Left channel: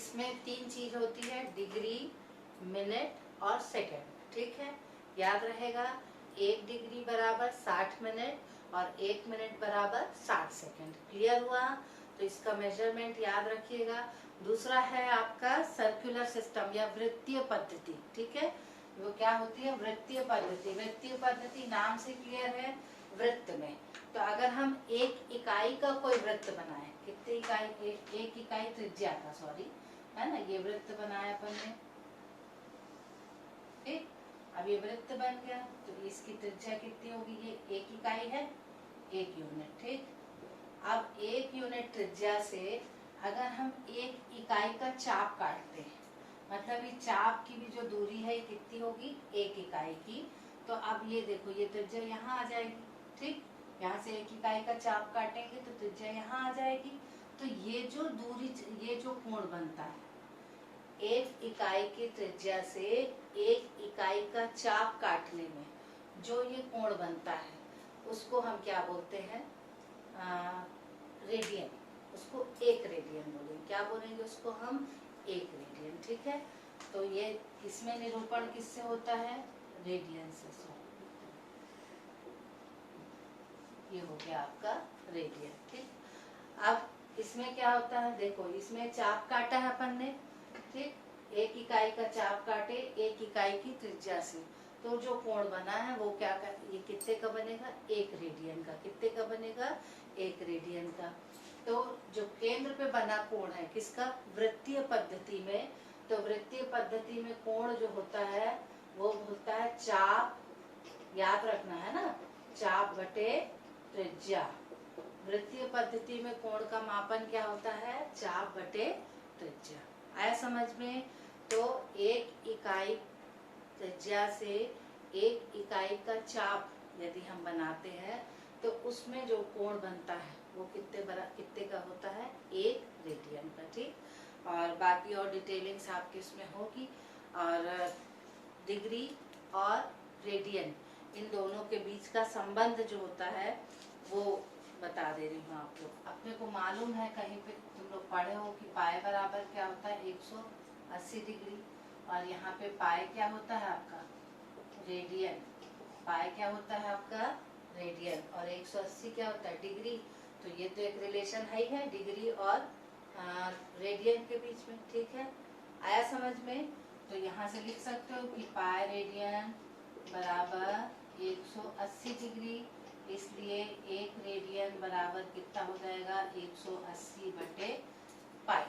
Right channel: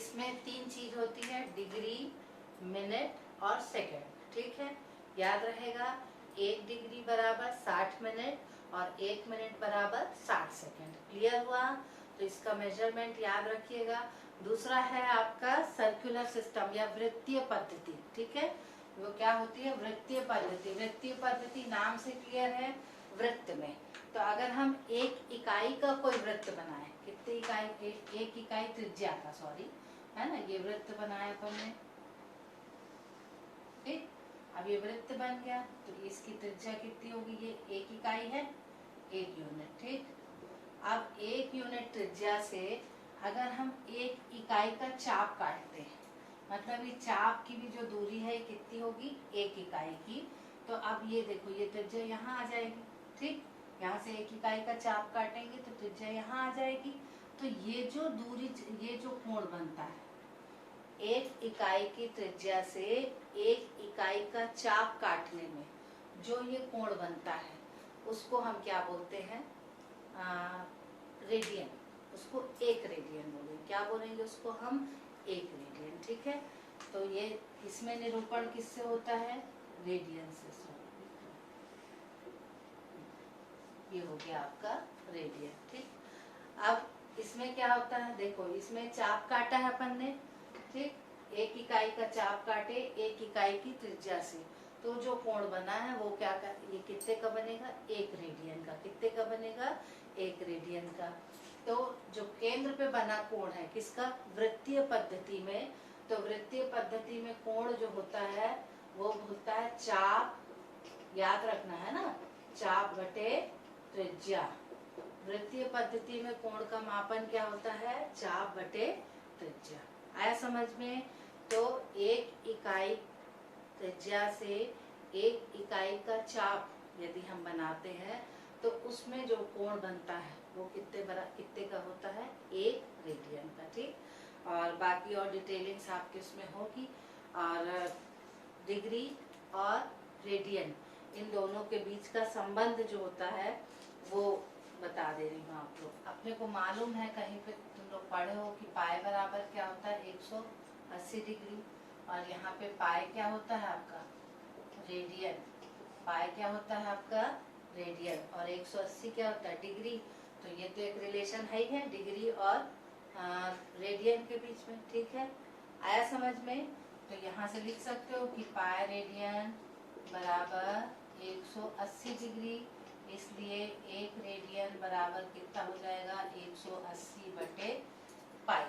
इसमें 3 चीज होती है, डिग्री, मिनट और सेकंड। ठीक है, याद रहेगा 1 डिग्री बराबर 60 मिनट और 1 मिनट बराबर 60 सेकंड। क्लियर हुआ? तो इसका मेजरमेंट याद रखिएगा। दूसरा है आपका सर्कुलर सिस्टम या वृत्तीय पद्धति। ठीक है, वो क्या होती है? वृत्तीय पद्धति। वृत्तीय पद्धति नाम से क्लियर है, वृत्त में। तो अगर हम एक इकाई का कोई वृत्त बनाए, कितनी इकाई? एक इकाई त्रिज्या का, सॉरी, है ना, ये वृत्त बनाया अपन ने। ठीक, अब ये वृत्त बन गया तो इसकी त्रिज्या कितनी होगी? ये 1 इकाई है, 1 यूनिट। ठीक, अब 1 यूनिट त्रिज्या से अगर हम 1 इकाई का चाप काटते हैं, मतलब ये चाप की भी जो दूरी है ये कितनी होगी? 1 इकाई की। तो अब ये देखो, ये त्रिज्या यहाँ आ जाएगी। ठीक, यहाँ से 1 इकाई का चाप काटेंगे तो त्रिज्या यहाँ आ जाएगी। तो ये जो दूरी, ये जो कोण बनता है 1 इकाई की त्रिज्या से 1 इकाई का चाप काटने में जो ये कोण बनता है उसको हम क्या बोलते हैं? रेडियन। उसको 1 रेडियन बोलेंगे। क्या बोलेंगे उसको हम? 1 रेडियन। ठीक है, तो ये इसमें निरूपण किससे होता है? रेडियन से। ये हो गया आपका रेडियन। ठीक, अब इसमें क्या होता है? देखो, इसमें चाप काटा है अपन ने। ठीक, 1 इकाई का चाप काटे 1 इकाई की त्रिज्या से, तो जो कोण बना है वो क्या ये कितने का बनेगा? 1 रेडियन का। कितने का बनेगा? 1 रेडियन का। तो जो केंद्र पे बना कोण है किसका? वृत्तीय पद्धति में। तो वृत्तीय पद्धति में कोण जो होता है वो होता है चाप, याद रखना है ना, चाप बटे त्रिज्या। वृत्तीय पद्धति में कोण का मापन क्या होता है? चाप बटे त्रिज्या। आया समझ में? तो 1 इकाई त्रिज्या से 1 इकाई का चाप यदि हम बनाते हैं तो उसमें जो कोण बनता है वो कितने का होता है? 1 रेडियन का। ठीक, और बाकी और डिटेलिंग्स आपके इसमें होगी। और डिग्री और रेडियन, इन दोनों के बीच का संबंध जो होता है वो बता दे रही हूँ आप लोग। अपने को मालूम है, कहीं पे तुम लोग पढ़े हो कि पाई बराबर क्या होता है? 180 डिग्री। और यहाँ पे पाई क्या होता है आपका? रेडियन। पाई क्या होता है आपका? रेडियन। और 180 क्या होता है? डिग्री। तो ये तो एक रिलेशन है ही है, डिग्री और रेडियन के बीच में। ठीक है, आया समझ में? तो यहाँ से लिख सकते हो कि पाई रेडियन बराबर 180 डिग्री, इसलिए 1 रेडियन बराबर कितना हो जाएगा? 180 बटे पाई।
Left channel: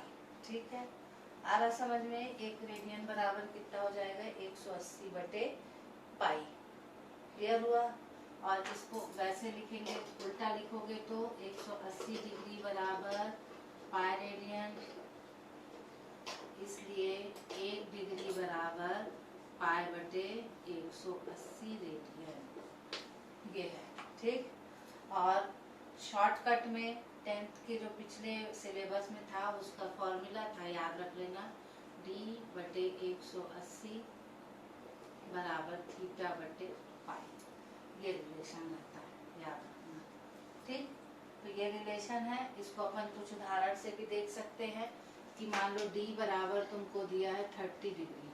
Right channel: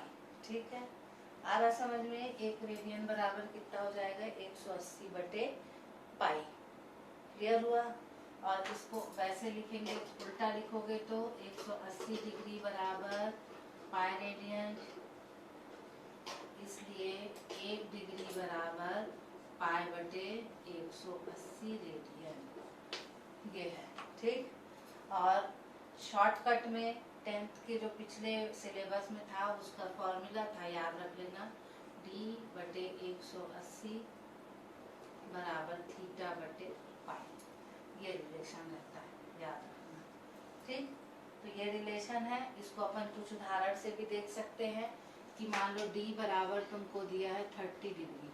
ठीक है, आ रहा समझ में? 1 रेडियन बराबर कितना हो जाएगा? 180 बटे पाई। क्लियर हुआ? और इसको वैसे लिखेंगे, उल्टा लिखोगे तो 180 डिग्री बराबर पाई रेडियन, इसलिए 1 डिग्री बराबर पाई बटे 180 रेडियन। ये है। ठीक, और शॉर्टकट में 10th के जो पिछले सिलेबस में था उसका फॉर्मूला था, याद रख लेना, d बटे 180 बराबर थीटा बटे पाई। ये रिलेशन रहता है, याद रखना। ठीक, तो ये रिलेशन है। इसको अपन कुछ उदाहरण से भी देख सकते हैं कि मान लो d बराबर तुमको दिया है 30 डिग्री।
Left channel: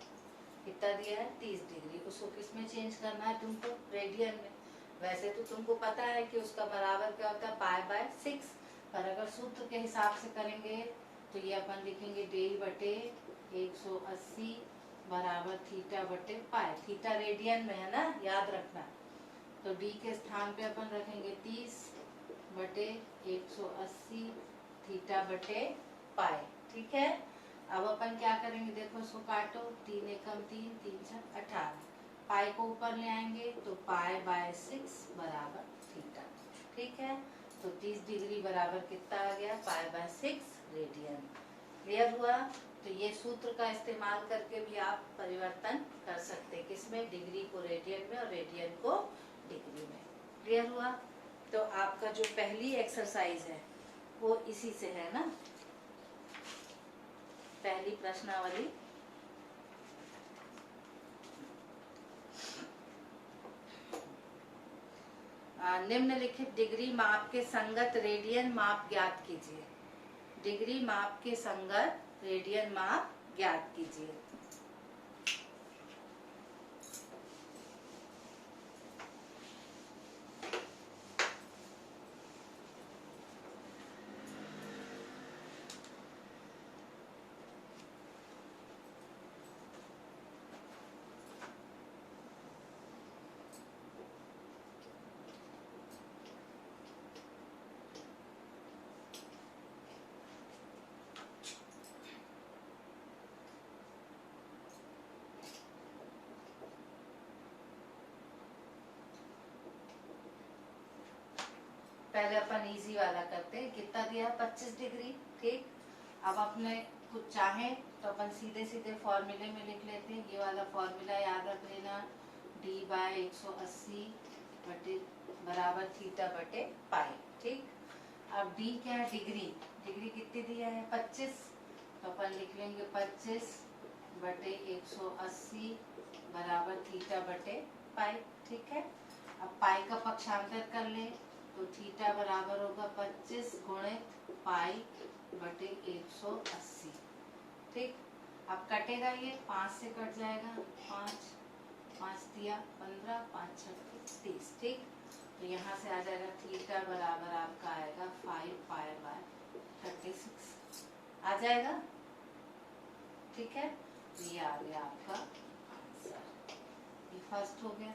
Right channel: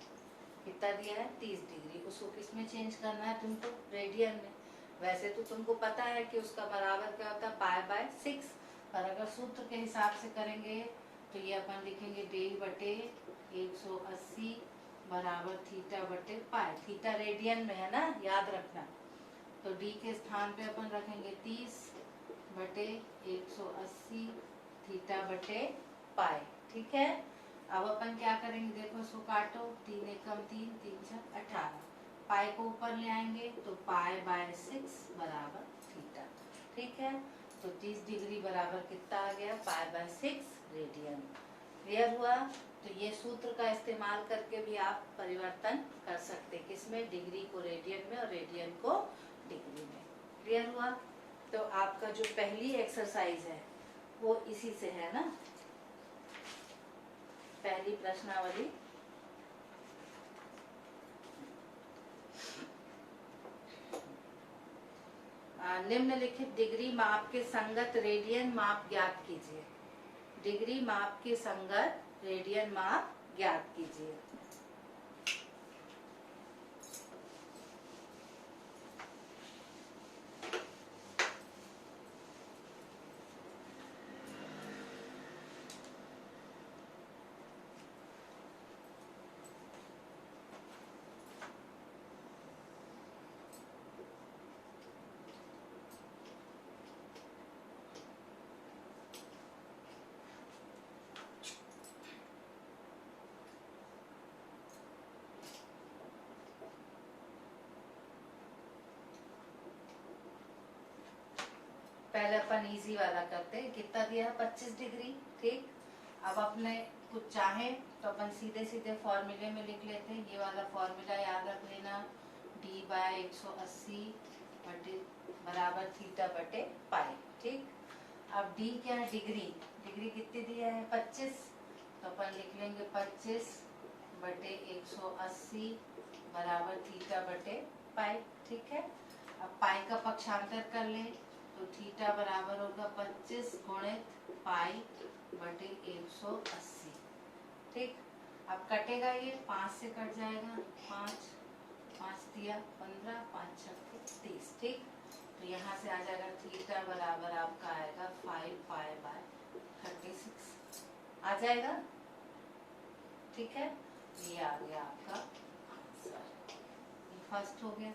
कितना दिया है? 30 डिग्री। उसको किस में चेंज करना है तुमको? रेडियन में। वैसे तो तुमको पता है कि उसका बराबर क्या होता है? Pi by 6। पर अगर सूत्र के हिसाब से करेंगे तो ये अपन लिखेंगे d बटे 180 बराबर थीटा बटे पाई। थीटा रेडियन में है ना, याद रखना। तो d के स्थान पे अपन रखेंगे 30 बटे 180 थीटा बटे पाई। ठीक है, अब अपन क्या करेंगे? देखो, इसको काटो, 3 एकम 3, 3 छक 18। पाई को ऊपर ले आएंगे तो पाई बाय 6 बराबर थीटा। ठीक है, तो 30 डिग्री बराबर कितना आ गया? Pi by 6 radian. क्लियर हुआ? तो ये सूत्र का इस्तेमाल करके भी आप परिवर्तन कर सकते, किसमें? डिग्री को रेडियन में और रेडियन को डिग्री में। क्लियर हुआ? तो आपका जो पहली एक्सरसाइज है वो इसी से है ना, पहली प्रश्नावली। निम्नलिखित डिग्री माप के संगत रेडियन माप ज्ञात कीजिए। डिग्री माप के संगत रेडियन माप ज्ञात कीजिए। पहले अपन इजी वाला करते हैं। कितना दिया है? 25 डिग्री। ठीक, अब अपने कुछ चाहे तो अपन सीधे सीधे फॉर्मूले में लिख लेते हैं। ये वाला फॉर्मूला याद रख लेना, d/180 बटे बराबर थीटा बटे पाई। ठीक, अब d क्या है? डिग्री। डिग्री कितनी दिया है? 25, तो अपन लिख लेंगे 25 बटे 180 बराबर थीटा बटे पाई। ठीक है, अब पाई का पक्षांतर कर ले तो थीटा बराबर होगा 25 गुणित पाई बटे 180। ठीक, अब कटेगा ये 5 से कट जाएगा, 5 दिया 15, 5 छक्के 30। ठीक, तो यहाँ से आ जाएगा थीटा बराबर आपका आएगा 5 पाई बाय 36 आ जाएगा। ठीक है, ये आ गया आपका आंसर। ये फर्स्ट हो गया।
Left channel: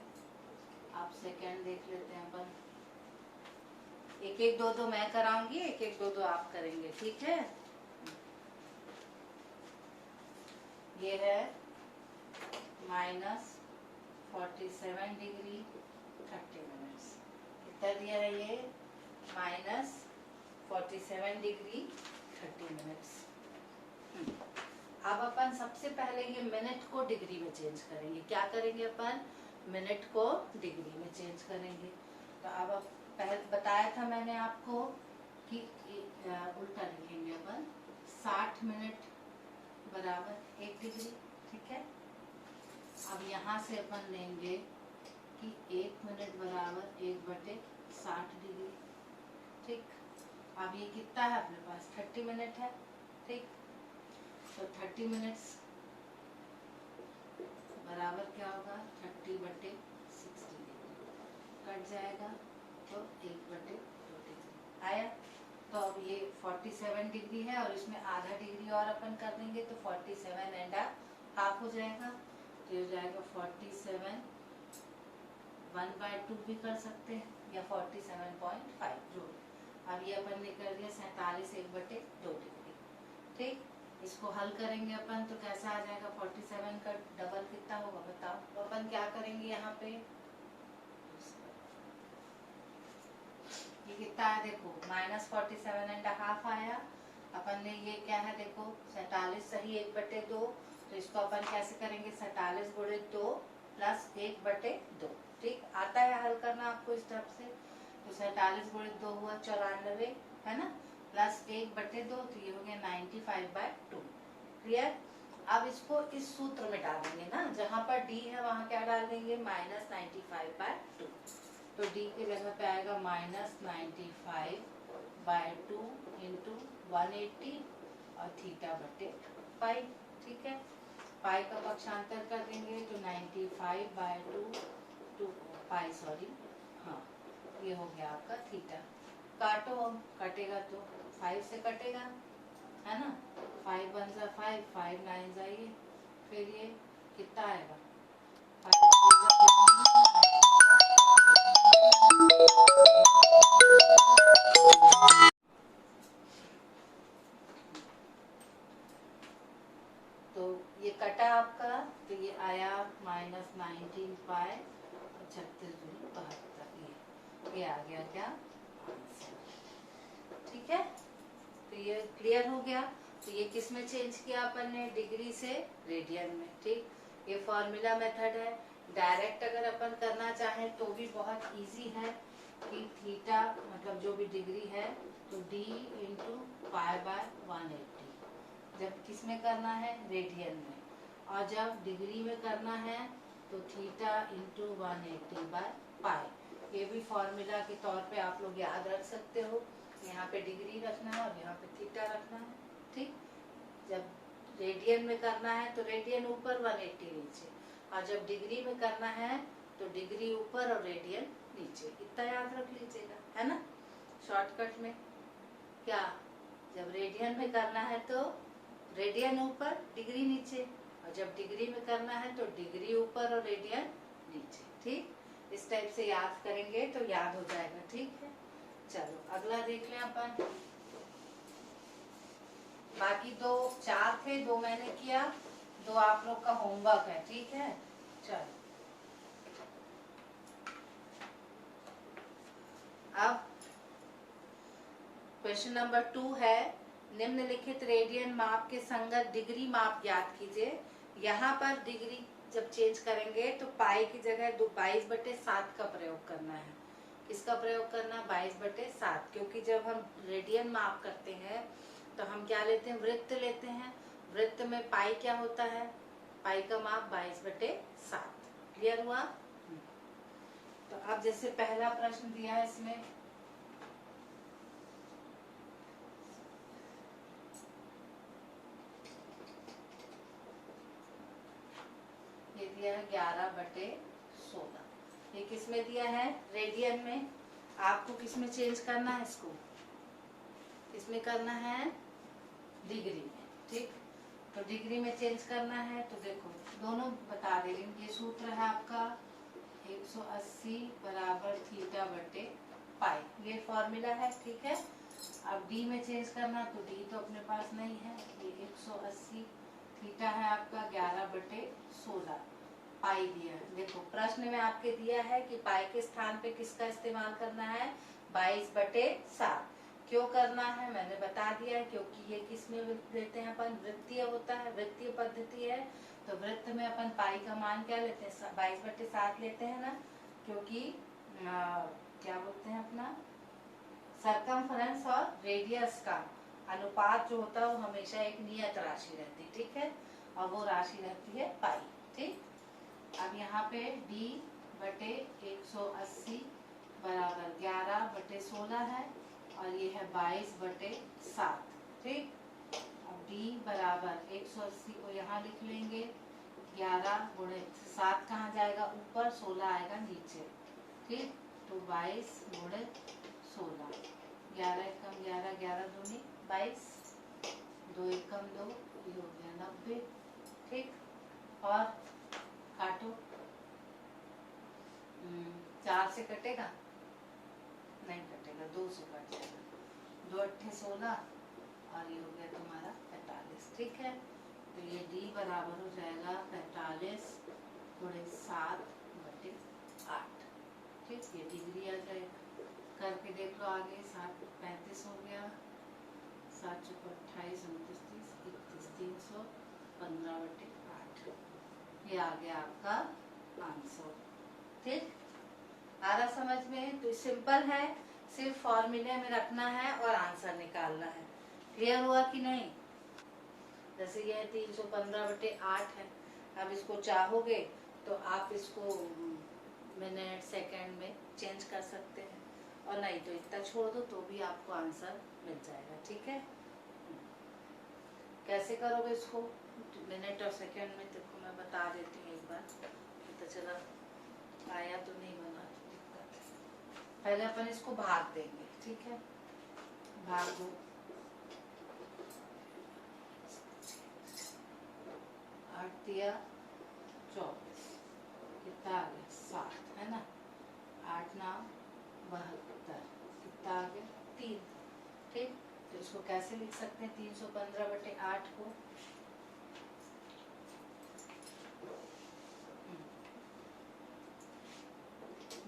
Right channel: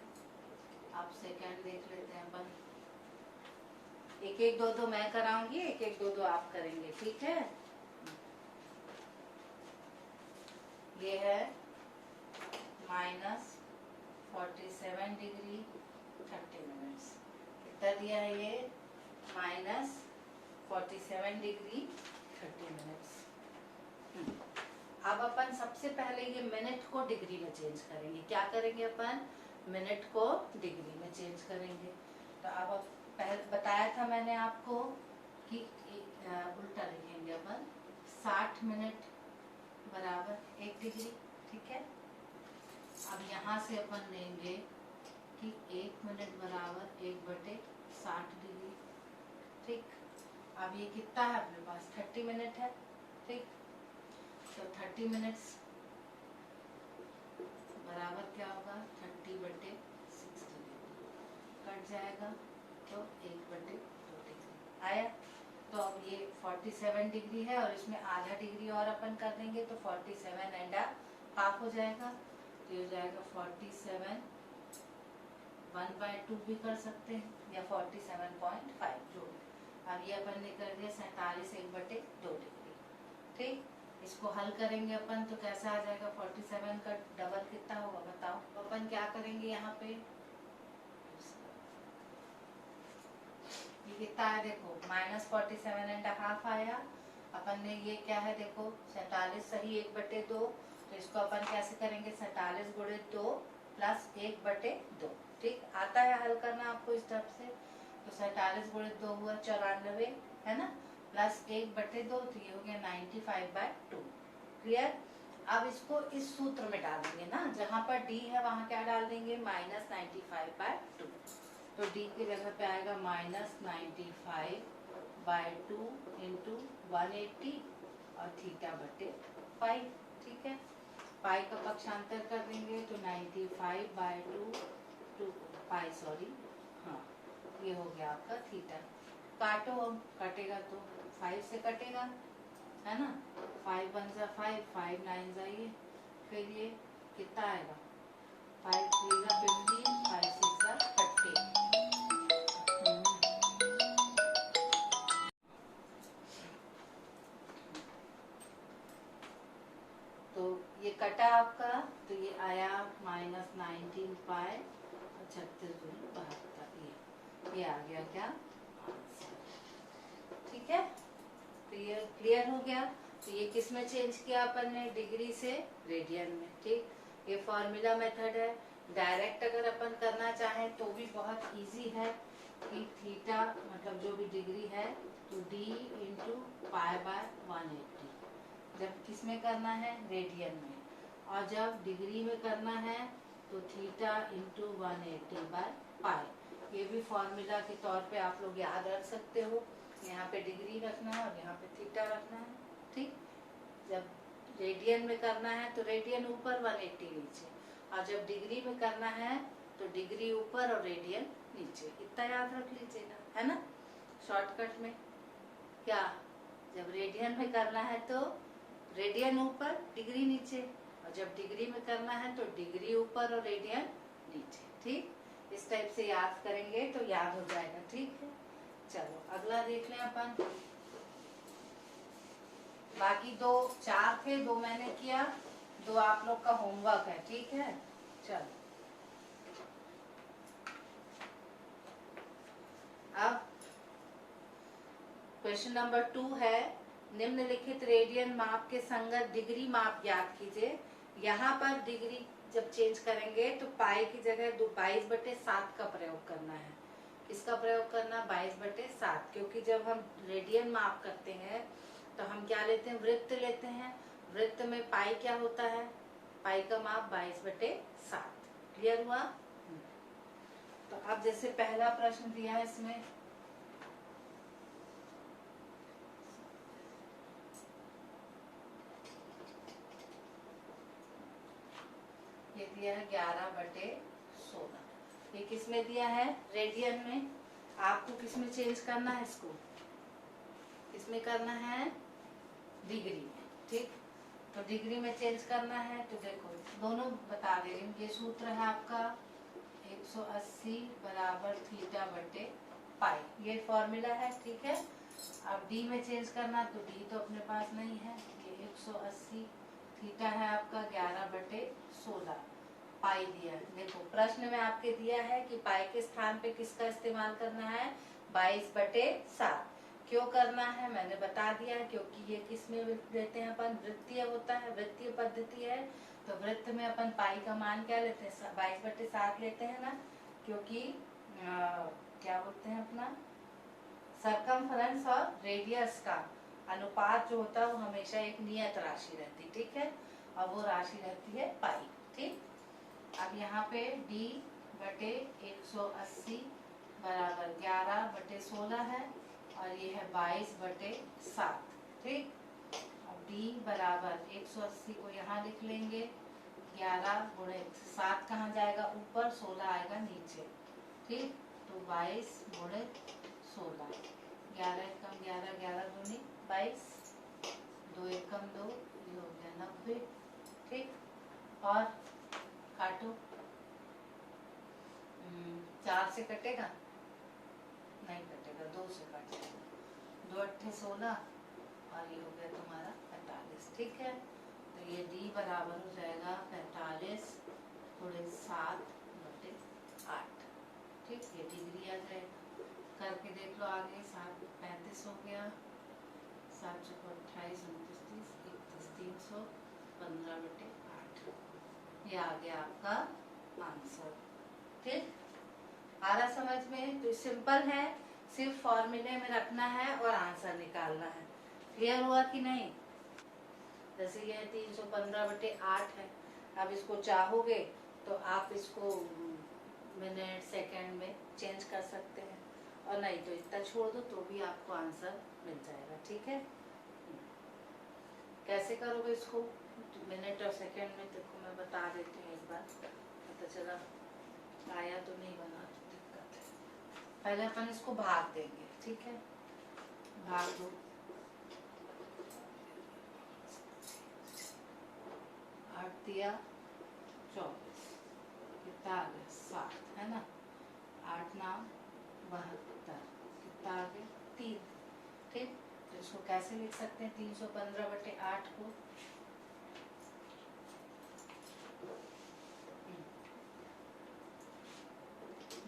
आप सेकंड देख लेते हैं अपन। एक एक दो दो मैं कराऊंगी, एक एक दो दो आप करेंगे। ठीक है, ये है -47 डिग्री 30 मिनट्स। कितना दिया है ये? -47 डिग्री 30 मिनट्स। अब अपन सबसे पहले ये मिनट को डिग्री में चेंज करेंगे। क्या करेंगे अपन? मिनट को डिग्री में चेंज करेंगे। तो अब पहले बताया था मैंने आपको कि उल्टा लिखेंगे अपन, 60 मिनट बराबर 1 डिग्री। ठीक है, अब यहाँ से अपन लेंगे कि 1 मिनट बराबर 1/60 डिग्री। ठीक, अब ये कितना है अपने पास? 30 मिनट है। ठीक, तो 30 मिनट्स बराबर क्या होगा? 30/60 डिग्री कट जाएगा तो 1/2 डिग्री आया। तो अब ये 47 डिग्री है और इसमें आधा डिग्री और अपन कर देंगे तो 47.5 हो जाएगा। तो हो जाएगा 47 1/2 भी कर सकते हैं या 47.5 जो। अब ये अपन ने कर दिया 47 1/2 डिग्री। ठीक, इसको हल करेंगे अपन तो कैसा आ जाएगा? 47 का डबल कितना होगा बताओ? तो अपन क्या करेंगे यहाँ पे? ये कितना है देखो, -47.5 आया। अपन ने ये क्या है देखो, 47 सही 1/2। तो इसको अपन कैसे करेंगे? 47 गुणित 2 प्लस 1/2। ठीक, आता है हल करना आपको इस तरफ से। तो 47 गुणित 2 हुआ 94 है ना, प्लस 1/2 तो ये हो गया 95/2। क्लियर? अब इसको इस सूत्र में डालेंगे ना, जहाँ पर डी है वहाँ क्या डाल देंगे? -95/2। तो डी की जगह पे आएगा -95/2 इंटू 180 और थीटा बटे पाई। ठीक है, पाई का पक्षांतर कर देंगे तो 95/2 पाई, सॉरी, हाँ ये हो गया आपका थीटा। काटो, अब कटेगा तो 5 से कटेगा है ना, 5 1 जा 5, 5 9 जा ये, फिर ये कितना आएगा? 5 3 जा 15, 5 6 जा 30। तो ये कटा आपका, तो ये आया -19 पाई 36×72। ये आ गया क्या? ठीक है, तो ये क्लियर हो गया। तो ये किस में चेंज किया अपन ने? डिग्री से रेडियन में। ठीक, ये फॉर्मूला मेथड है। डायरेक्ट अगर अपन करना चाहें तो भी बहुत इजी है कि थीटा मतलब जो भी डिग्री है तो d इंटू पाई बाय 180। जब किस में करना है? रेडियन में। और जब डिग्री में करना है तो थीटा इंटू 180 बाय पाई। ये भी फॉर्मूला के तौर पे आप लोग याद रख सकते हो। यहाँ पे डिग्री रखना है और यहाँ पे थीटा रखना है। ठीक, जब रेडियन में करना है तो रेडियन ऊपर 180 नीचे, और जब डिग्री में करना है तो डिग्री ऊपर और रेडियन नीचे। इतना याद रख लीजिएगा, है ना। शॉर्टकट में क्या, जब रेडियन में करना है तो रेडियन ऊपर डिग्री नीचे, और जब डिग्री में करना है तो डिग्री ऊपर और रेडियन नीचे। ठीक, इस टाइप से याद करेंगे तो याद हो जाएगा। ठीक है, चलो अगला देख लें अपन। बाकी 2 4 थे, 2 मैंने किया, 2 आप लोग का होमवर्क है। ठीक है, चलो अब क्वेश्चन नंबर 2 है, निम्नलिखित रेडियन माप के संगत डिग्री माप ज्ञात कीजिए। यहाँ पर डिग्री जब चेंज करेंगे तो पाई की जगह 22/7 का प्रयोग करना है। किसका प्रयोग करना, 22/7, क्योंकि जब हम रेडियन माप करते हैं तो हम क्या लेते हैं, वृत्त लेते हैं। वृत्त में पाई क्या होता है, पाई का माप 22/7। क्लियर हुआ। तो अब जैसे पहला प्रश्न दिया है, इसमें ये दिया है 11/16। ये किसमें दिया है, रेडियन में। आपको किसमें चेंज करना है, इसको इसमें करना है डिग्री में। ठीक, तो डिग्री में चेंज करना है तो देखो दोनों बता दे रही हूँ। ये सूत्र है आपका 180 बराबर थीटा बटे पाई, ये फॉर्मूला है। ठीक है, अब डी में चेंज करना तो डी तो अपने पास नहीं है। ये 180 थीटा है आपका 11/16, पाई दिया है। देखो प्रश्न में आपके दिया है कि पाई के स्थान पे किसका इस्तेमाल करना है, 22/7। क्यों करना है मैंने बता दिया है, क्योंकि ये किस में लेते हैं अपन, वृत्तीय होता है, वृत्तीय पद्धति है। तो वृत्त में अपन पाई का मान क्या लेते हैं, 22/7 लेते हैं ना, क्योंकि क्या बोलते हैं अपना सरकमफ्रेंस और रेडियस का अनुपात जो होता है वो हमेशा एक नियत राशि रहती है। ठीक है, और वो राशि रहती है पाई। ठीक, अब यहाँ पे D/180 बराबर 11/16 है, और ये है 22/7। ठीक, अब D बराबर 180 को यहाँ लिख लेंगे, 11 गुणे 7 कहाँ जाएगा ऊपर, 16 आएगा नीचे। ठीक, तो 22 गुणे 16, 11 एकम 11, 11 दूनी 22, 2 एकम 2, ये हो गया 90। ठीक, और काटो, 4 से कटेगा नहीं कटेगा, 2 से कटेगा, 2 अट्ठे 16, और ये हो गया तुम्हारा 45। ठीक है, तो ये D बराबर हो जाएगा 45 गुणे 7/8। ठीक, ये डिग्री आ जाएगा। करके देख लो आगे, 7 35 हो गया, 7 चौको 28, 29, 30, 31, 315/8। ये आ गया आपका आंसर। ठीक, आ रहा समझ में। तो सिंपल है, सिर्फ फॉर्मूले में रखना है और आंसर निकालना है। क्लियर हुआ कि नहीं। जैसे ये 315/8 है, अब इसको चाहोगे तो आप इसको मिनट सेकंड में चेंज कर सकते हैं, और नहीं तो इतना छोड़ दो तो भी आपको आंसर मिल जाएगा। ठीक है, कैसे करोगे इसको मिनट और सेकंड में, देखो मैं बता देती हूँ एक बार, तो चला आया तो नहीं बना तो दिक्कत है। पहले अपन इसको भाग देंगे। ठीक है, भाग दो, 8 दिया 24, कितना आ गया 7, है ना, 8 नाम 72, कितना आ गया 3। ठीक, तो इसको कैसे लिख सकते हैं 315/8 को,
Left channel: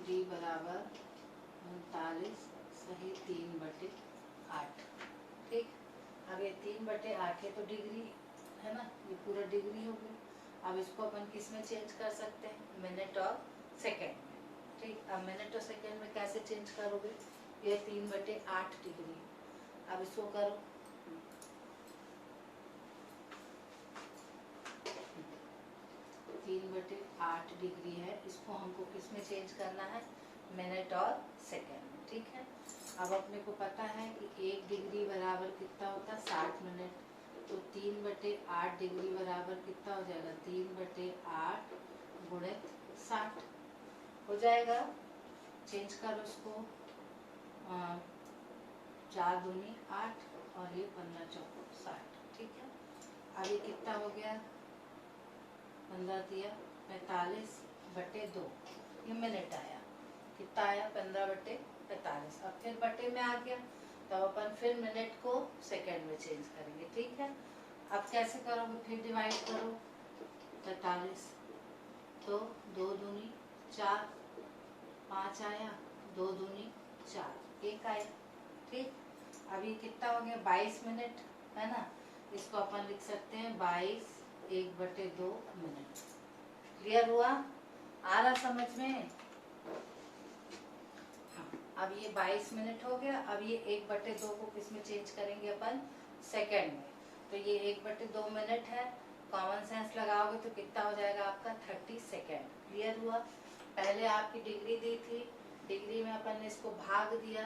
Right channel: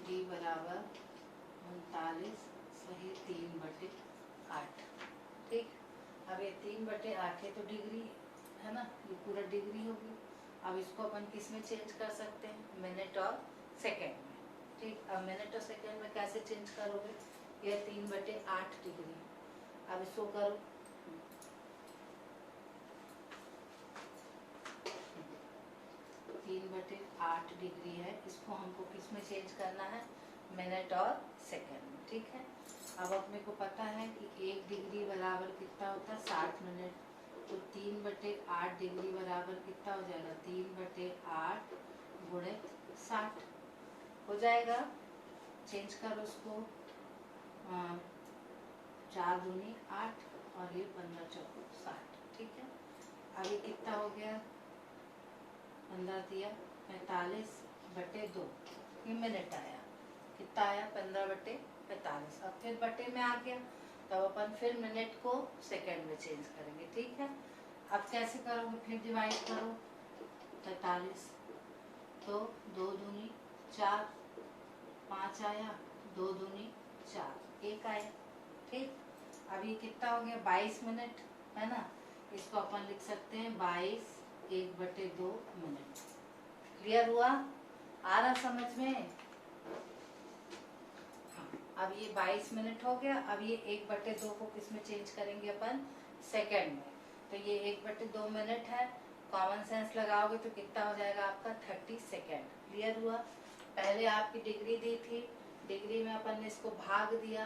D बराबर 39 सही 3/8। ठीक, अब ये 3/8 है तो डिग्री है ना, ये पूरा डिग्री हो गई। अब इसको अपन किस में चेंज कर सकते हैं, मिनट और सेकंड में। ठीक, अब मिनट और सेकंड में कैसे चेंज करोगे, ये 3/8 डिग्री। अब इसको करो, 3/8 डिग्री है, इसको हमको किस में चेंज करना है, मिनट और सेकंड में। ठीक है, अब अपने को पता है कि 1 डिग्री बराबर कितना होता है 60 मिनट, तो 3/8 डिग्री बराबर कितना हो जाएगा, 3/8 गुणित 60 हो जाएगा। चेंज करो उसको, 4 दूनी 8 और ये 15 चौको 60। ठीक है, अब ये कितना हो गया, 15 दिया 45/2, ये मिनट आया। कितना आया, 15/45। अब फिर बटे में आ गया, तब अपन फिर मिनट को सेकंड में चेंज करेंगे। ठीक है, अब कैसे करोगे, फिर डिवाइड करो, 45 तो 2 दूनी 4, 5 आया, 2 दूनी 4, 1 आया। ठीक, अभी कितना हो गया, 22 मिनट है ना, इसको अपन लिख सकते हैं 22 1/2 मिनट। क्लियर हुआ, आ रहा समझ में। हाँ, अब ये 22 मिनट हो गया। अब ये 1/2 को किस में चेंज करेंगे अपन, सेकंड में। तो ये 1/2 मिनट है, कॉमन सेंस लगाओगे तो कितना हो जाएगा आपका, 30 सेकेंड। क्लियर हुआ। पहले आपकी डिग्री दी थी, डिग्री में अपन ने इसको भाग दिया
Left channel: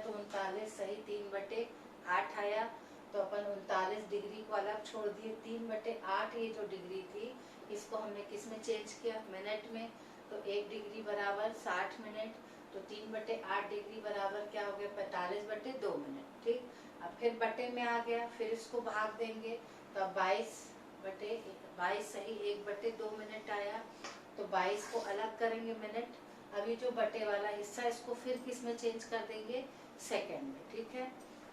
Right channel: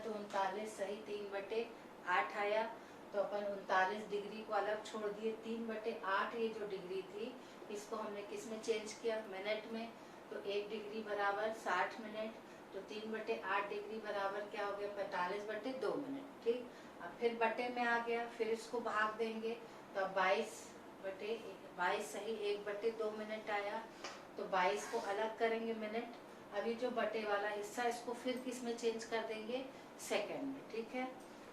तो 39 सही 3/8 आया। तो अपन 39 डिग्री को अलग छोड़ दिए, 3/8 ये जो डिग्री थी इसको हमने किस में चेंज किया, मिनट में। तो 1 डिग्री बराबर 60 मिनट, तो 3/8 डिग्री बराबर क्या हो गया, 45/2 मिनट। ठीक, अब फिर बटे में आ गया, फिर इसको भाग देंगे तो अब 22 सही 1/2 मिनट आया। तो 22 को अलग करेंगे मिनट। अभी जो बटे वाला हिस्सा इसको फिर किस में चेंज कर देंगे, सेकेंड में। ठीक है,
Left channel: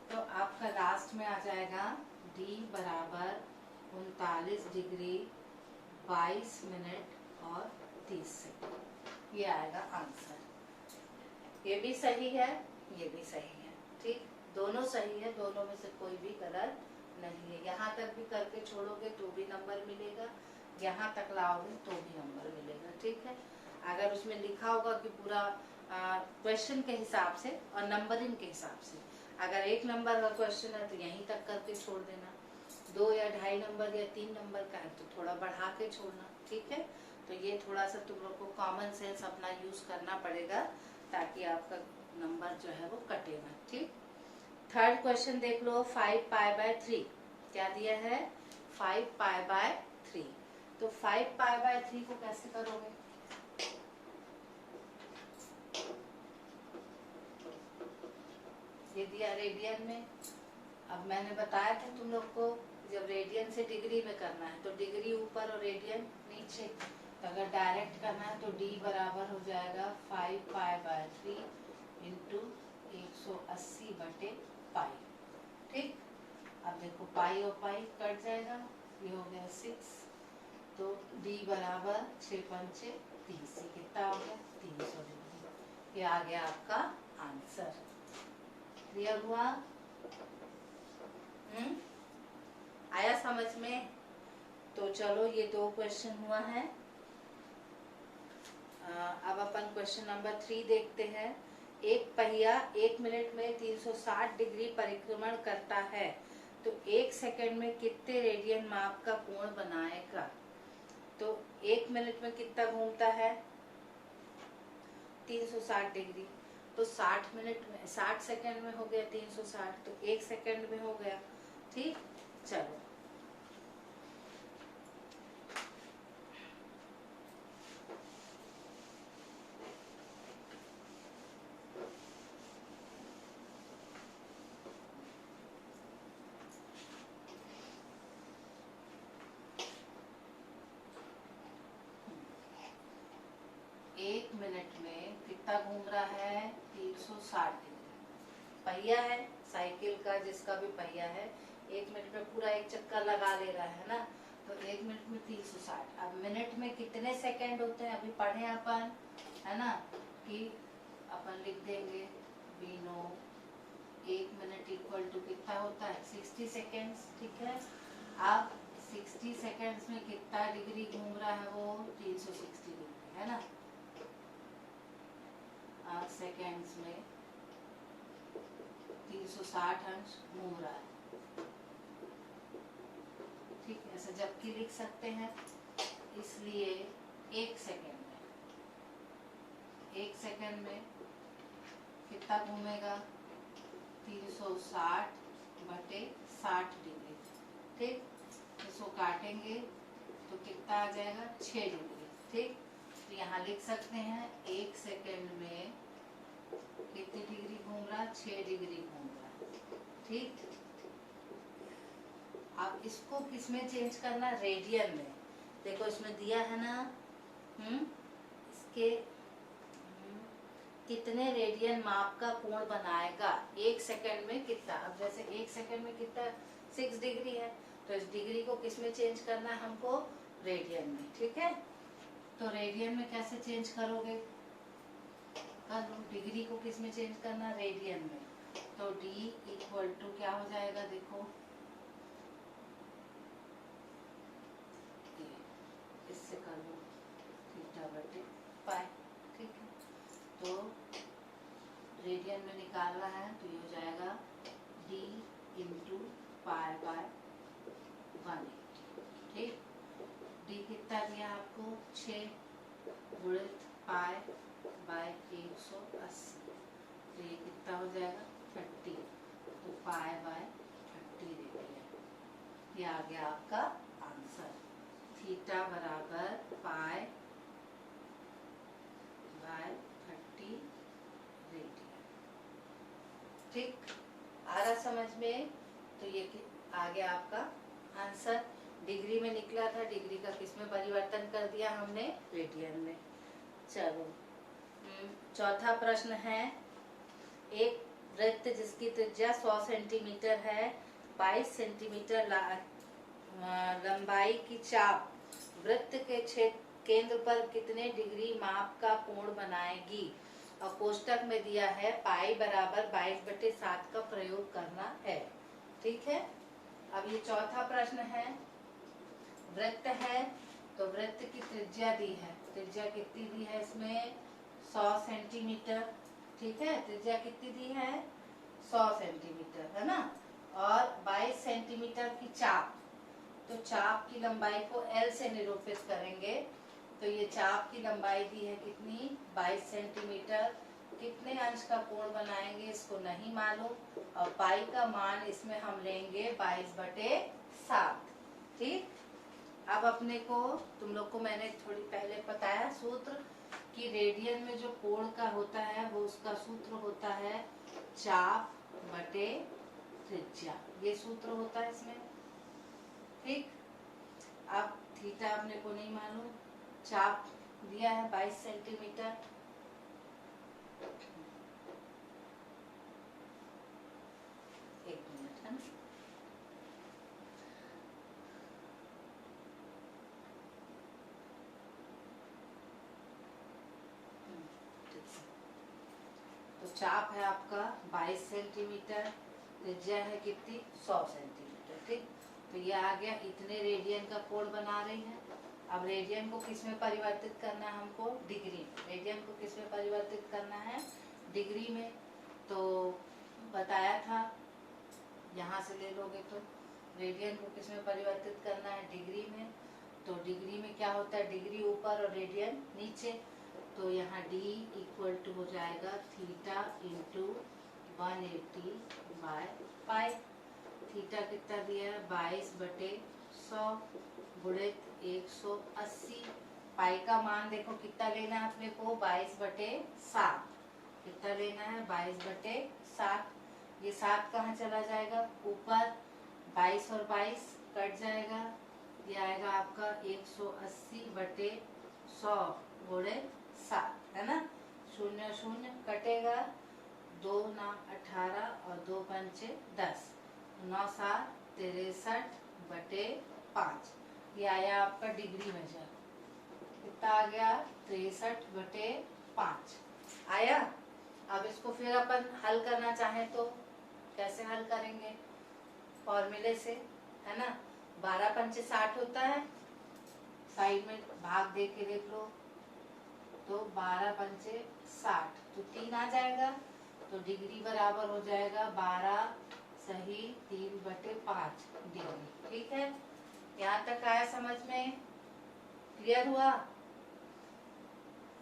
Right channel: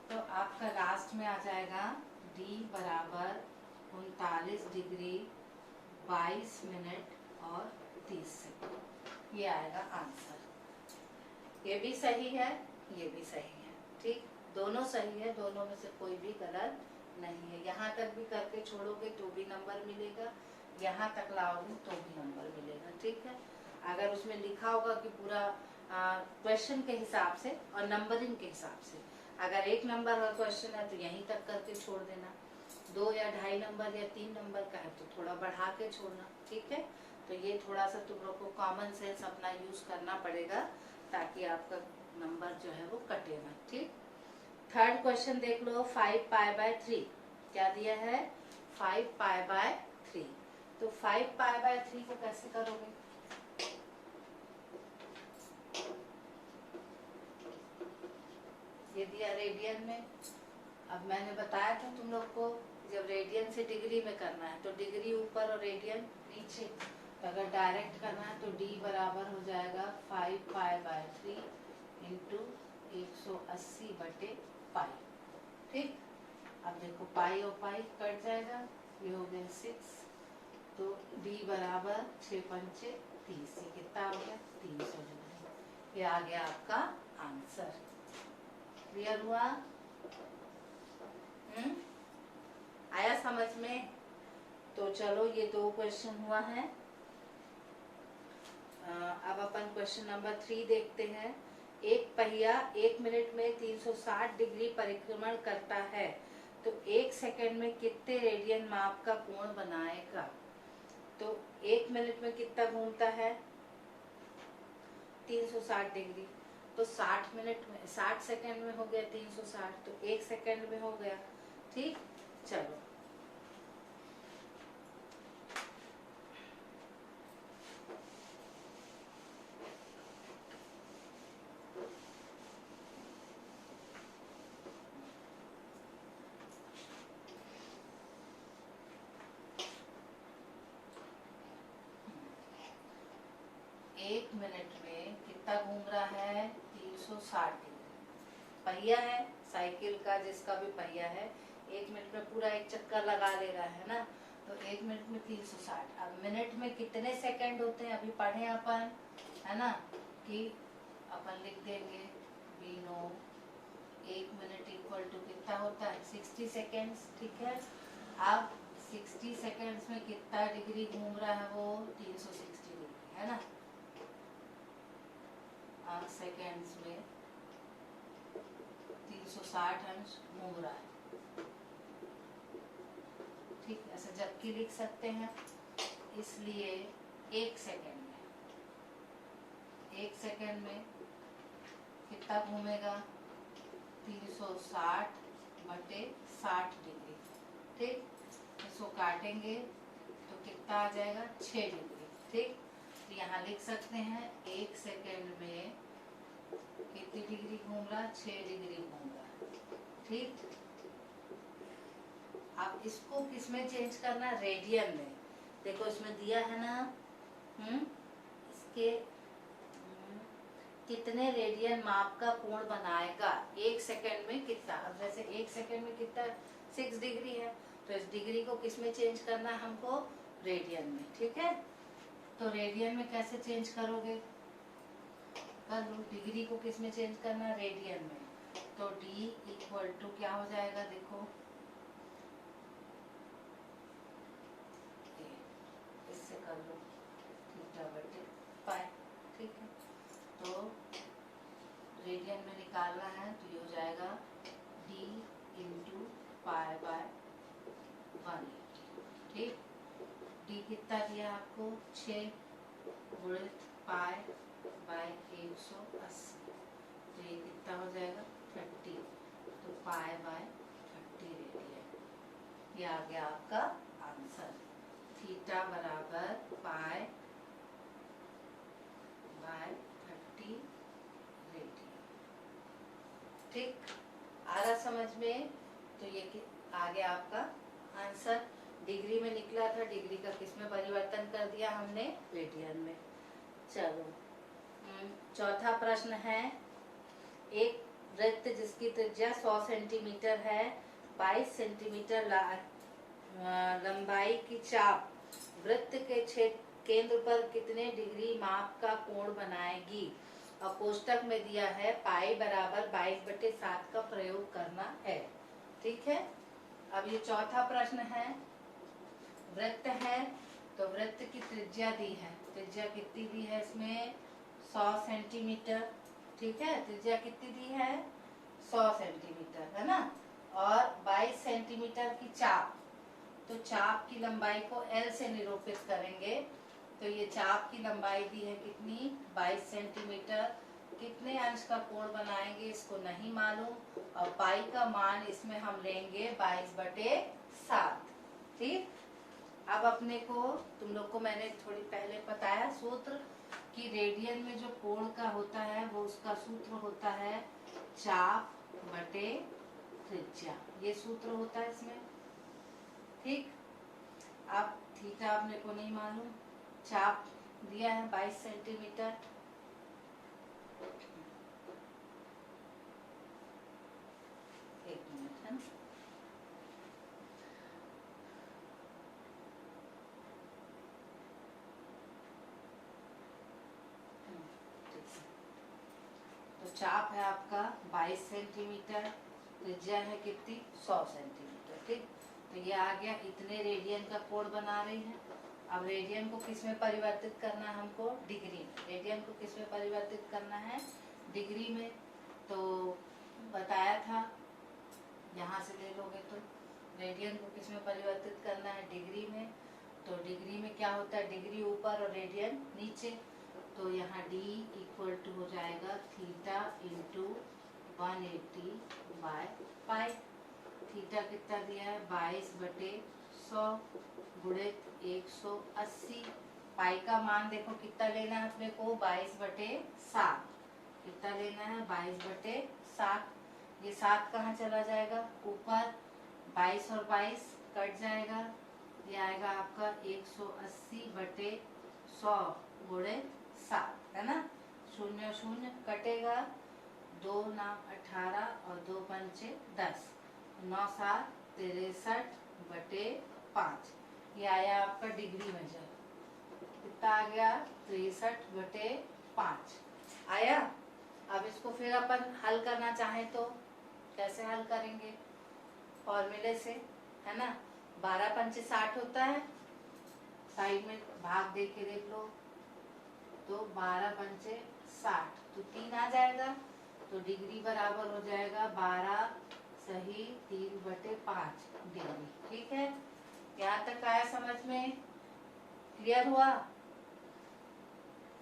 तो आपका लास्ट में आ जाएगा d बराबर 39 डिग्री 22 मिनट और 30 सेकेंड। ये आएगा आंसर। ये भी सही है, ये भी सही है। ठीक, दोनों सही है, दोनों में से कोई भी गलत नहीं है। यहाँ तक भी करके छोड़ोगे तो भी नंबर मिलेगा, यहाँ तक लाओगे तो भी नंबर मिलेगा। ठीक है, अगर उसमें लिखा होगा कि पूरा क्वेश्चन के हिसाब से और नंबरिंग के हिसाब से, अगर 1 नंबर का क्वेश्चन है तो यहीं तक करके छोड़ देना, 2 या 2.5 नंबर या 3 नंबर का है तो थोड़ा बढ़ा के छोड़ना। ठीक है, तो ये थोड़ा सा तुम लोग को कॉमन सेंस अपना यूज करना पड़ेगा ताकि आपका नंबर जो है वो कटे ना। ठीक, थर्ड क्वेश्चन देख लो, 5π/3 क्या दिया है, 5π/3। तो 5π/3 को कैसे करोगे, ये दिया रेडियन में। अब मैंने बताया था तुम लोग को, जब रेडियन से डिग्री में करना है तो डिग्री ऊपर और रेडियन नीचे। तो अगर डायरेक्ट करना है तो d बराबर हो जाएगा 5π/3 इंटू 180/π। ठीक, अब देखो पाई और पाई कट जाएगा, ये हो गया 6। तो d बराबर 6×5 30, ये कितना हो गया, 300 डिग्री। ये आ गया आपका आंसर। क्लियर हुआ, आया समझ में। तो चलो ये 2 क्वेश्चन हुआ है। अब अपन क्वेश्चन नंबर 3 देखते हैं। एक पहिया 1 मिनट में 360 डिग्री परिक्रमण करता है, तो 1 सेकंड में कितने रेडियन माप का कोण बनाएगा। तो 1 मिनट में कितना घूमता है, 360 डिग्री। तो 60 सेकंड में हो गया 360, तो 1 सेकंड में हो गया। ठीक, चलो एक मिनट में कितना घूम रहा है, 360 डिग्री। पहिया है साइकिल का, जिसका भी पहिया है, 1 मिनट में पूरा एक चक्कर लगा ले रहा है ना, तो 1 मिनट में 360। अब मिनट में कितने सेकंड होते हैं अभी पढ़े अपन, है ना, कि अपन लिख देंगे बीनो 1 मिनट इक्वल टू कितना होता है, 60 सेकेंड्स। ठीक है, अब 60 सेकेंड्स में कितना डिग्री घूम रहा है वो, 360 डिग्री, है ना। सेकेंड्स में 360 अंश घूम रहा है। ठीक, ऐसे जबकि लिख सकते हैं, इसलिए 1 सेकेंड में कितना घूमेगा, 360/60 डिग्री। ठीक, इसको काटेंगे तो कितना आ जाएगा 6 डिग्री। ठीक, तो यहाँ लिख सकते हैं 1 सेकेंड में कितनी डिग्री घूम रहा है, 6 डिग्री घूम रहा है। ठीक, अब इसको किसमें चेंज करना, रेडियन में। देखो इसमें दिया है ना, इसके कितने रेडियन माप का कोण बनाएगा 1 सेकंड में कितना। अब जैसे 1 सेकंड में कितना 6 डिग्री है, तो इस डिग्री को किसमें चेंज करना है हमको, रेडियन में। ठीक है, तो रेडियन में कैसे चेंज करोगे, कर लो। डिग्री को किसमें चेंज करना, रेडियन में। तो D इक्वल टू क्या हो जाएगा, देखो इससे कर लो थीटा बटे पाई। ठीक है, तो रेडियन में निकालना है तो ये हो जाएगा D इंटू पाई बाय 180। ठीक, D कितना दिया आपको 6 गुणित पाई बाय 180, तो ये कितना हो जाएगा 30। तो पाई बाय 30 रेडियन, ये आ गया आपका आंसर। थीटा बराबर पाई बाय 30 रेडियन। ठीक, आ रहा समझ में। तो ये आ गया आपका आंसर। डिग्री में निकला था, डिग्री का किस में परिवर्तन कर दिया हमने, रेडियन में। चलो चौथा प्रश्न है, एक वृत्त जिसकी त्रिज्या 100 सेंटीमीटर है, 22 सेंटीमीटर लंबाई की चाप वृत्त के केंद्र पर कितने डिग्री माप का कोण बनाएगी। और कोष्टक में दिया है पाई बराबर 22/7 का प्रयोग करना है। ठीक है, अब ये चौथा प्रश्न है, वृत्त है तो वृत्त की त्रिज्या दी है। त्रिज्या कितनी दी है इसमें, 100 सेंटीमीटर। ठीक है, त्रिज्या कितनी दी है, 100 सेंटीमीटर है ना, और 22 सेंटीमीटर की चाप। तो चाप की लंबाई को L से निरूपित करेंगे। तो ये चाप की लंबाई दी है कितनी, 22 सेंटीमीटर। कितने अंश का कोण बनाएंगे इसको नहीं मालूम, और पाई का मान इसमें हम लेंगे 22/7। ठीक, अब अपने को, तुम लोग को मैंने थोड़ी पहले बताया सूत्र कि रेडियन में जो कोण का होता है वो उसका सूत्र होता है चाप बटे त्रिज्या, ये सूत्र होता है इसमें। ठीक, अब थीटा अपने को नहीं मालूम, चाप दिया है 22 सेंटीमीटर। एक मिनट है ना, तो चाप है आपका 22 सेंटीमीटर, त्रिज्या है कितनी, 100 सेंटीमीटर। ठीक, तो ये आ गया, इतने रेडियन का कोण बना रही है। अब रेडियन को किस में परिवर्तित करना है हमको, डिग्री में। रेडियन को किस में परिवर्तित करना है, डिग्री में। तो बताया था, यहाँ से ले लोगे तो रेडियन को किस में परिवर्तित करना है, डिग्री में। तो डिग्री में क्या होता है, डिग्री ऊपर और रेडियन नीचे। तो यहाँ D इक्वल टू हो जाएगा theta into 180 by pi. Theta कितना दिया है, 22/100 गुणित 180। पाई का मान देखो कितना लेना है अपने को, 22/7। कितना लेना है, 22/7। ये 7 कहाँ चला जाएगा, ऊपर। 22 और 22 कट जाएगा, ये आएगा आपका 180/100 गुणित 7, है ना। 0 0 कटेगा, 2 9 18 और 2 पंचे 10, 9 7 63/5। ये आया आपका डिग्री मेजर, कितना आ गया, 63/5 आया। अब इसको फिर अपन हल करना चाहे तो कैसे हल करेंगे, फॉर्मूले से, है ना। 12 पंचे 60 होता है, साइड में भाग दे के देख लो, तो 12 पंचे 60, तो 3 आ जाएगा। तो डिग्री बराबर हो जाएगा 12 सही 3/5 डिग्री। ठीक है, यहाँ तक आया समझ में, क्लियर हुआ।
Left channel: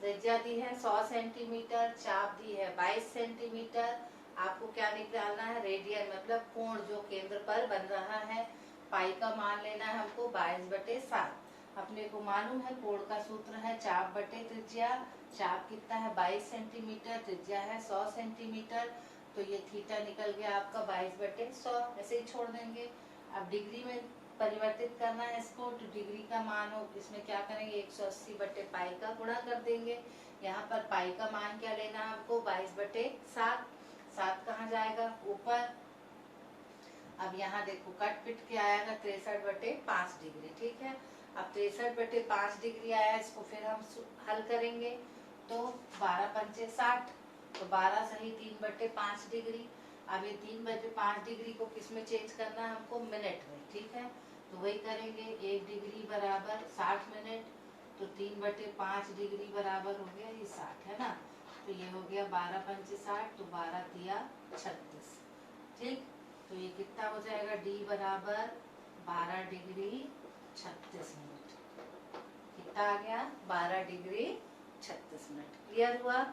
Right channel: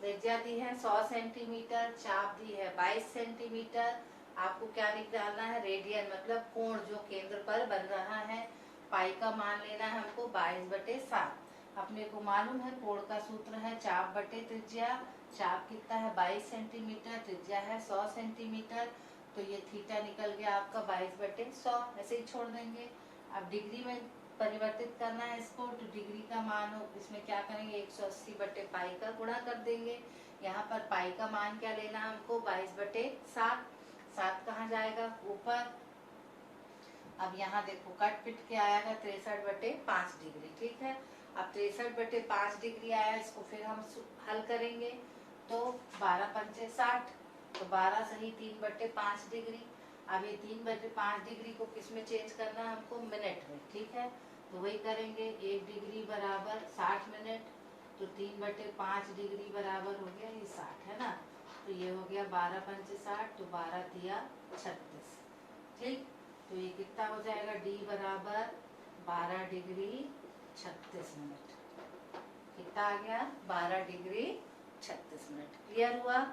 त्रिज्या दी है 100 सेंटीमीटर, चाप दी है 22 सेंटीमीटर। आपको क्या निकालना है, रेडियन मतलब कोण जो केंद्र पर बन रहा है पाई का मान लेना है हमको 22/7। अपने को मालूम है कोण का सूत्र है चाप बटे त्रिज्या। चाप कितना है 22 सेंटीमीटर, त्रिज्या है 100 सेंटीमीटर। तो ये थीटा निकल गया आपका 22/100, ऐसे ही छोड़ देंगे। अब डिग्री में परिवर्तित करना है इसको, तो डिग्री का मान हो इसमें क्या करेंगे 180/पाई का गुणा कर देंगे। यहाँ पर पाई का मान क्या लेना है हमको 22/7। 7 कहाँ जाएगा ऊपर। अब यहाँ देखो कट पिट के आएगा 63/5 डिग्री, ठीक है। अब 63/5 डिग्री आया, इसको फिर हम हल करेंगे तो 12 पंचे 60, तो 12 सही 3/5 डिग्री। अब ये 3/5 डिग्री को किस में चेंज करना है हमको, मिनट में, ठीक है। तो वही करेंगे, 1 डिग्री बराबर 60 मिनट, तो 3/5 डिग्री बराबर हो गया ये 60, है ना। तो ये हो गया 12 पंचे 60, तो 12 तिया 36, ठीक। तो ये कितना हो जाएगा, डी बराबर 12 डिग्री 36 मिनट। कितना आ गया 12 डिग्री 36 मिनट। क्लियर हुआ,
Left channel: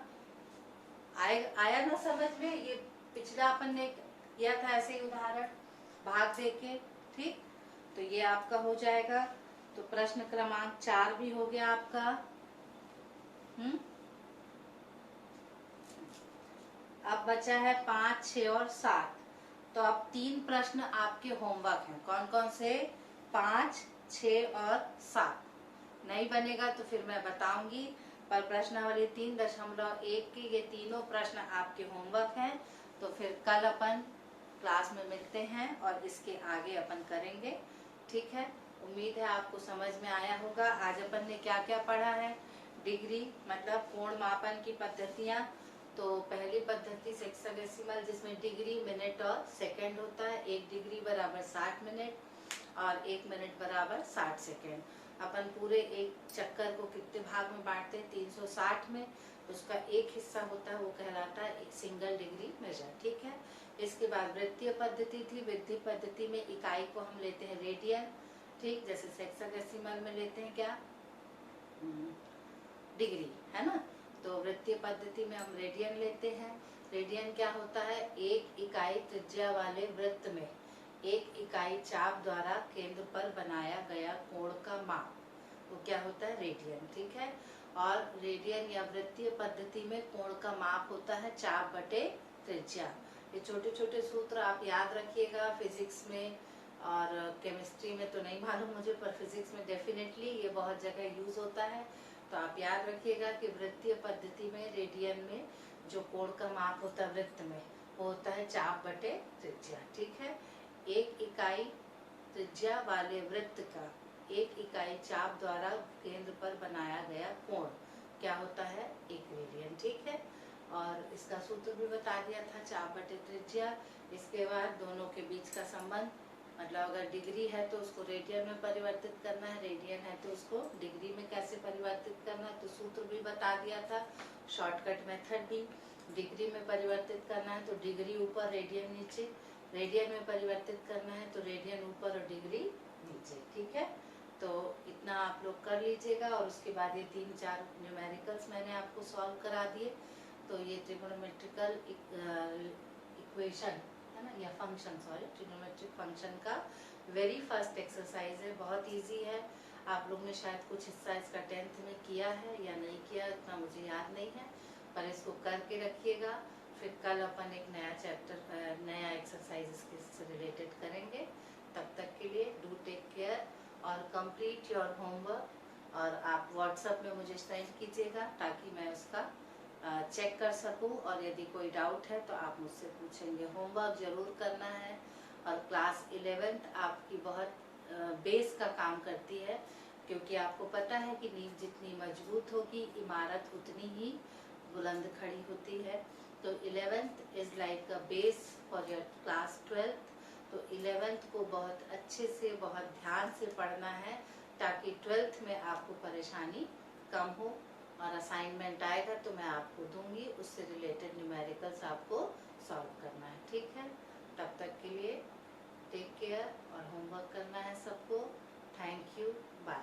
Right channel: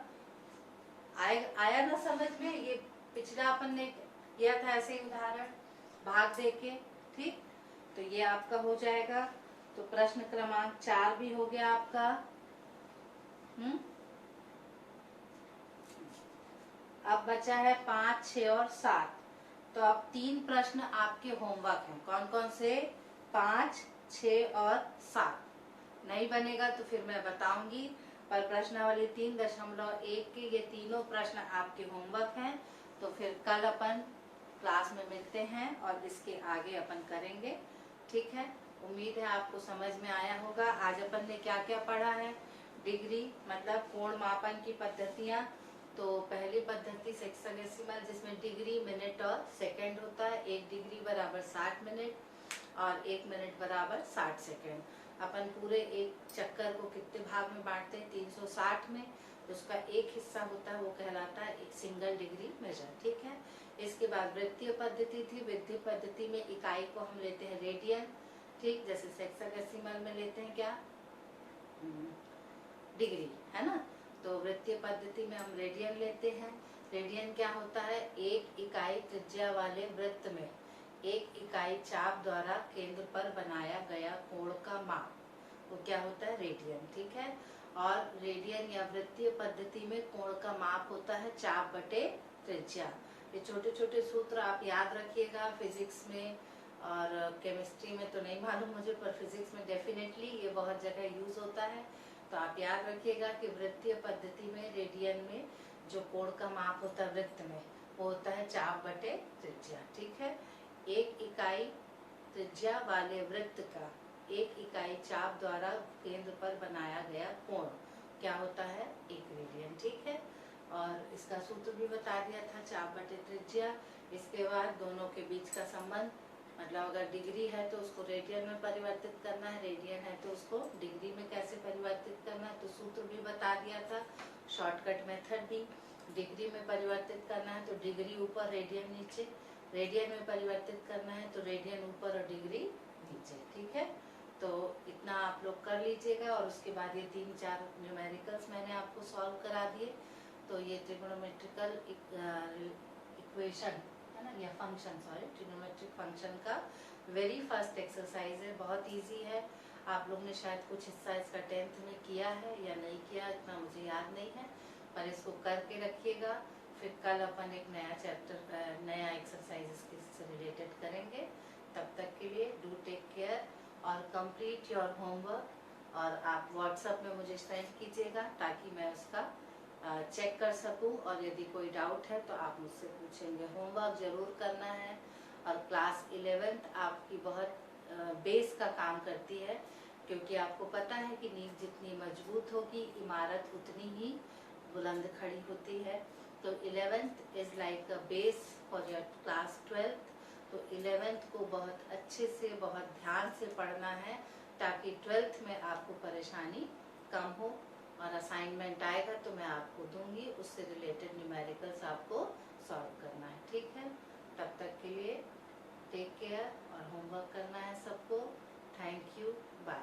आया ना समझ में। ये पिछला अपन ने किया था ऐसे ही उदाहरण भाग देके, ठीक। तो ये आपका हो जाएगा। तो प्रश्न क्रमांक 4 भी हो गया आपका। अब बचा है 5, 6 और 7। तो अब 3 प्रश्न आपके होमवर्क हैं। कौन कौन से, 5, 6 और 7। नहीं बनेगा तो फिर मैं बताऊंगी, पर प्रश्नावली 3.1 के ये तीनों प्रश्न आपके होमवर्क हैं। तो फिर कल अपन क्लास में मिलते हैं और इसके आगे अपन करेंगे, ठीक है। उम्मीद है आपको समझ में आया होगा। आज अपन ने क्या क्या पढ़ा है, डिग्री मतलब कोण मापन की पद्धतियां। तो पहली पद्धति सेक्सोडेसिमल, जिसमें डिग्री मिनट और सेकंड होता है। 1 डिग्री बराबर 60 मिनट और 1 मिनट बराबर 60 सेकंड। अपन पूरे एक चक्कर को कितने भाग में बांटते हैं, 360 में। उसका एक हिस्सा होता है वो कहलाता है एक सिंगल डिग्री मेजर, ठीक है। इसके बाद वृत्तीय पद्धति थी। वृत्तीय पद्धति में इकाई को हम लेते हैं रेडियन, ठीक। जैसे सेक्सोडेसिमल में लेते हैं क्या, डिग्री, है ना। तो वृत्तीय पद्धति में हम रेडियन लेते हैं। रेडियन क्या होता है, 1 इकाई त्रिज्या वाले वृत्त में 1 इकाई चाप द्वारा केंद्र पर बनाया गया कोण का माप, वो क्या होता है रेडियन, ठीक है। और रेडियन या वृत्तीय पद्धति में कोण का माप होता है चाप बटे त्रिज्या। ये छोटे छोटे सूत्र आप याद रखिएगा। फिजिक्स में और केमिस्ट्री में तो नहीं मालूम मुझे, पर फिजिक्स में डेफिनेटली ये बहुत जगह यूज होता है। तो आप याद रखिएगा कि वृत्तीय पद्धति में रेडियन में जो कोण का माप होता है वृत्त में, वो होता है चाप बटे त्रिज्या, ठीक है। 1 इकाई त्रिज्या वाले वृत्त का 1 इकाई चाप द्वारा केंद्र पर बनाया गया कोण क्या होता है, 1 रेडियन, ठीक है। और इसका सूत्र भी बता दिया था, चाप बटे त्रिज्या। इसके बाद दोनों के बीच का संबंध, मतलब अगर डिग्री है तो उसको रेडियन में परिवर्तित करना है, रेडियन है तो उसको डिग्री में कैसे परिवर्तित करना है, तो सूत्र भी बता दिया था। शॉर्टकट मेथड भी, डिग्री में परिवर्तित करना है तो डिग्री ऊपर रेडियन नीचे, रेडियन में परिवर्तित करना है तो रेडियन ऊपर और डिग्री नीचे, ठीक है। तो इतना आप लोग कर लीजिएगा। और उसके बाद ये 3-4 न्यूमेरिकल्स मैंने आपको सॉल्व करा दिए। तो ये ट्रिगोनोमेट्रिकल इक्वेशन है ना, या फंक्शन, सॉरी, ट्रिगोनोमेट्रिक फंक्शन का वेरी फर्स्ट एक्सरसाइज है। बहुत इजी है। आप लोग ने शायद कुछ हिस्सा इसका 10th में किया है या नहीं किया, इतना मुझे याद नहीं है, पर इसको करके रखिएगा। फिर कल अपन एक नया चैप्टर, नया एक्सरसाइज इसके रिलेटेड करेंगे। तब तक के लिए डू टेक केयर और कंप्लीट योर होमवर्क। और आप व्हाट्सएप में मुझे सेंड कीजिएगा ताकि मैं उसका चेक कर सकूं, और यदि कोई डाउट है तो आप मुझसे पूछेंगे। होमवर्क जरूर करना है। और क्लास 11th आपकी बहुत बेस का काम करती है, क्योंकि आपको पता है कि नींव जितनी मजबूत होगी इमारत उतनी ही बुलंद खड़ी होती है। तो 11th is like a base for your class 12th। तो 11th को बहुत अच्छे से, बहुत ध्यान से पढ़ना है, ताकि 12th में आपको परेशानी कम हो। और असाइनमेंट आएगा तो मैं आपको दूंगी, उससे रिलेटेड न्यूमेरिकल्स आपको सॉल्व करना है, ठीक है। तब तक के लिए टेक केयर और होमवर्क करना है सबको। Thank you, bye.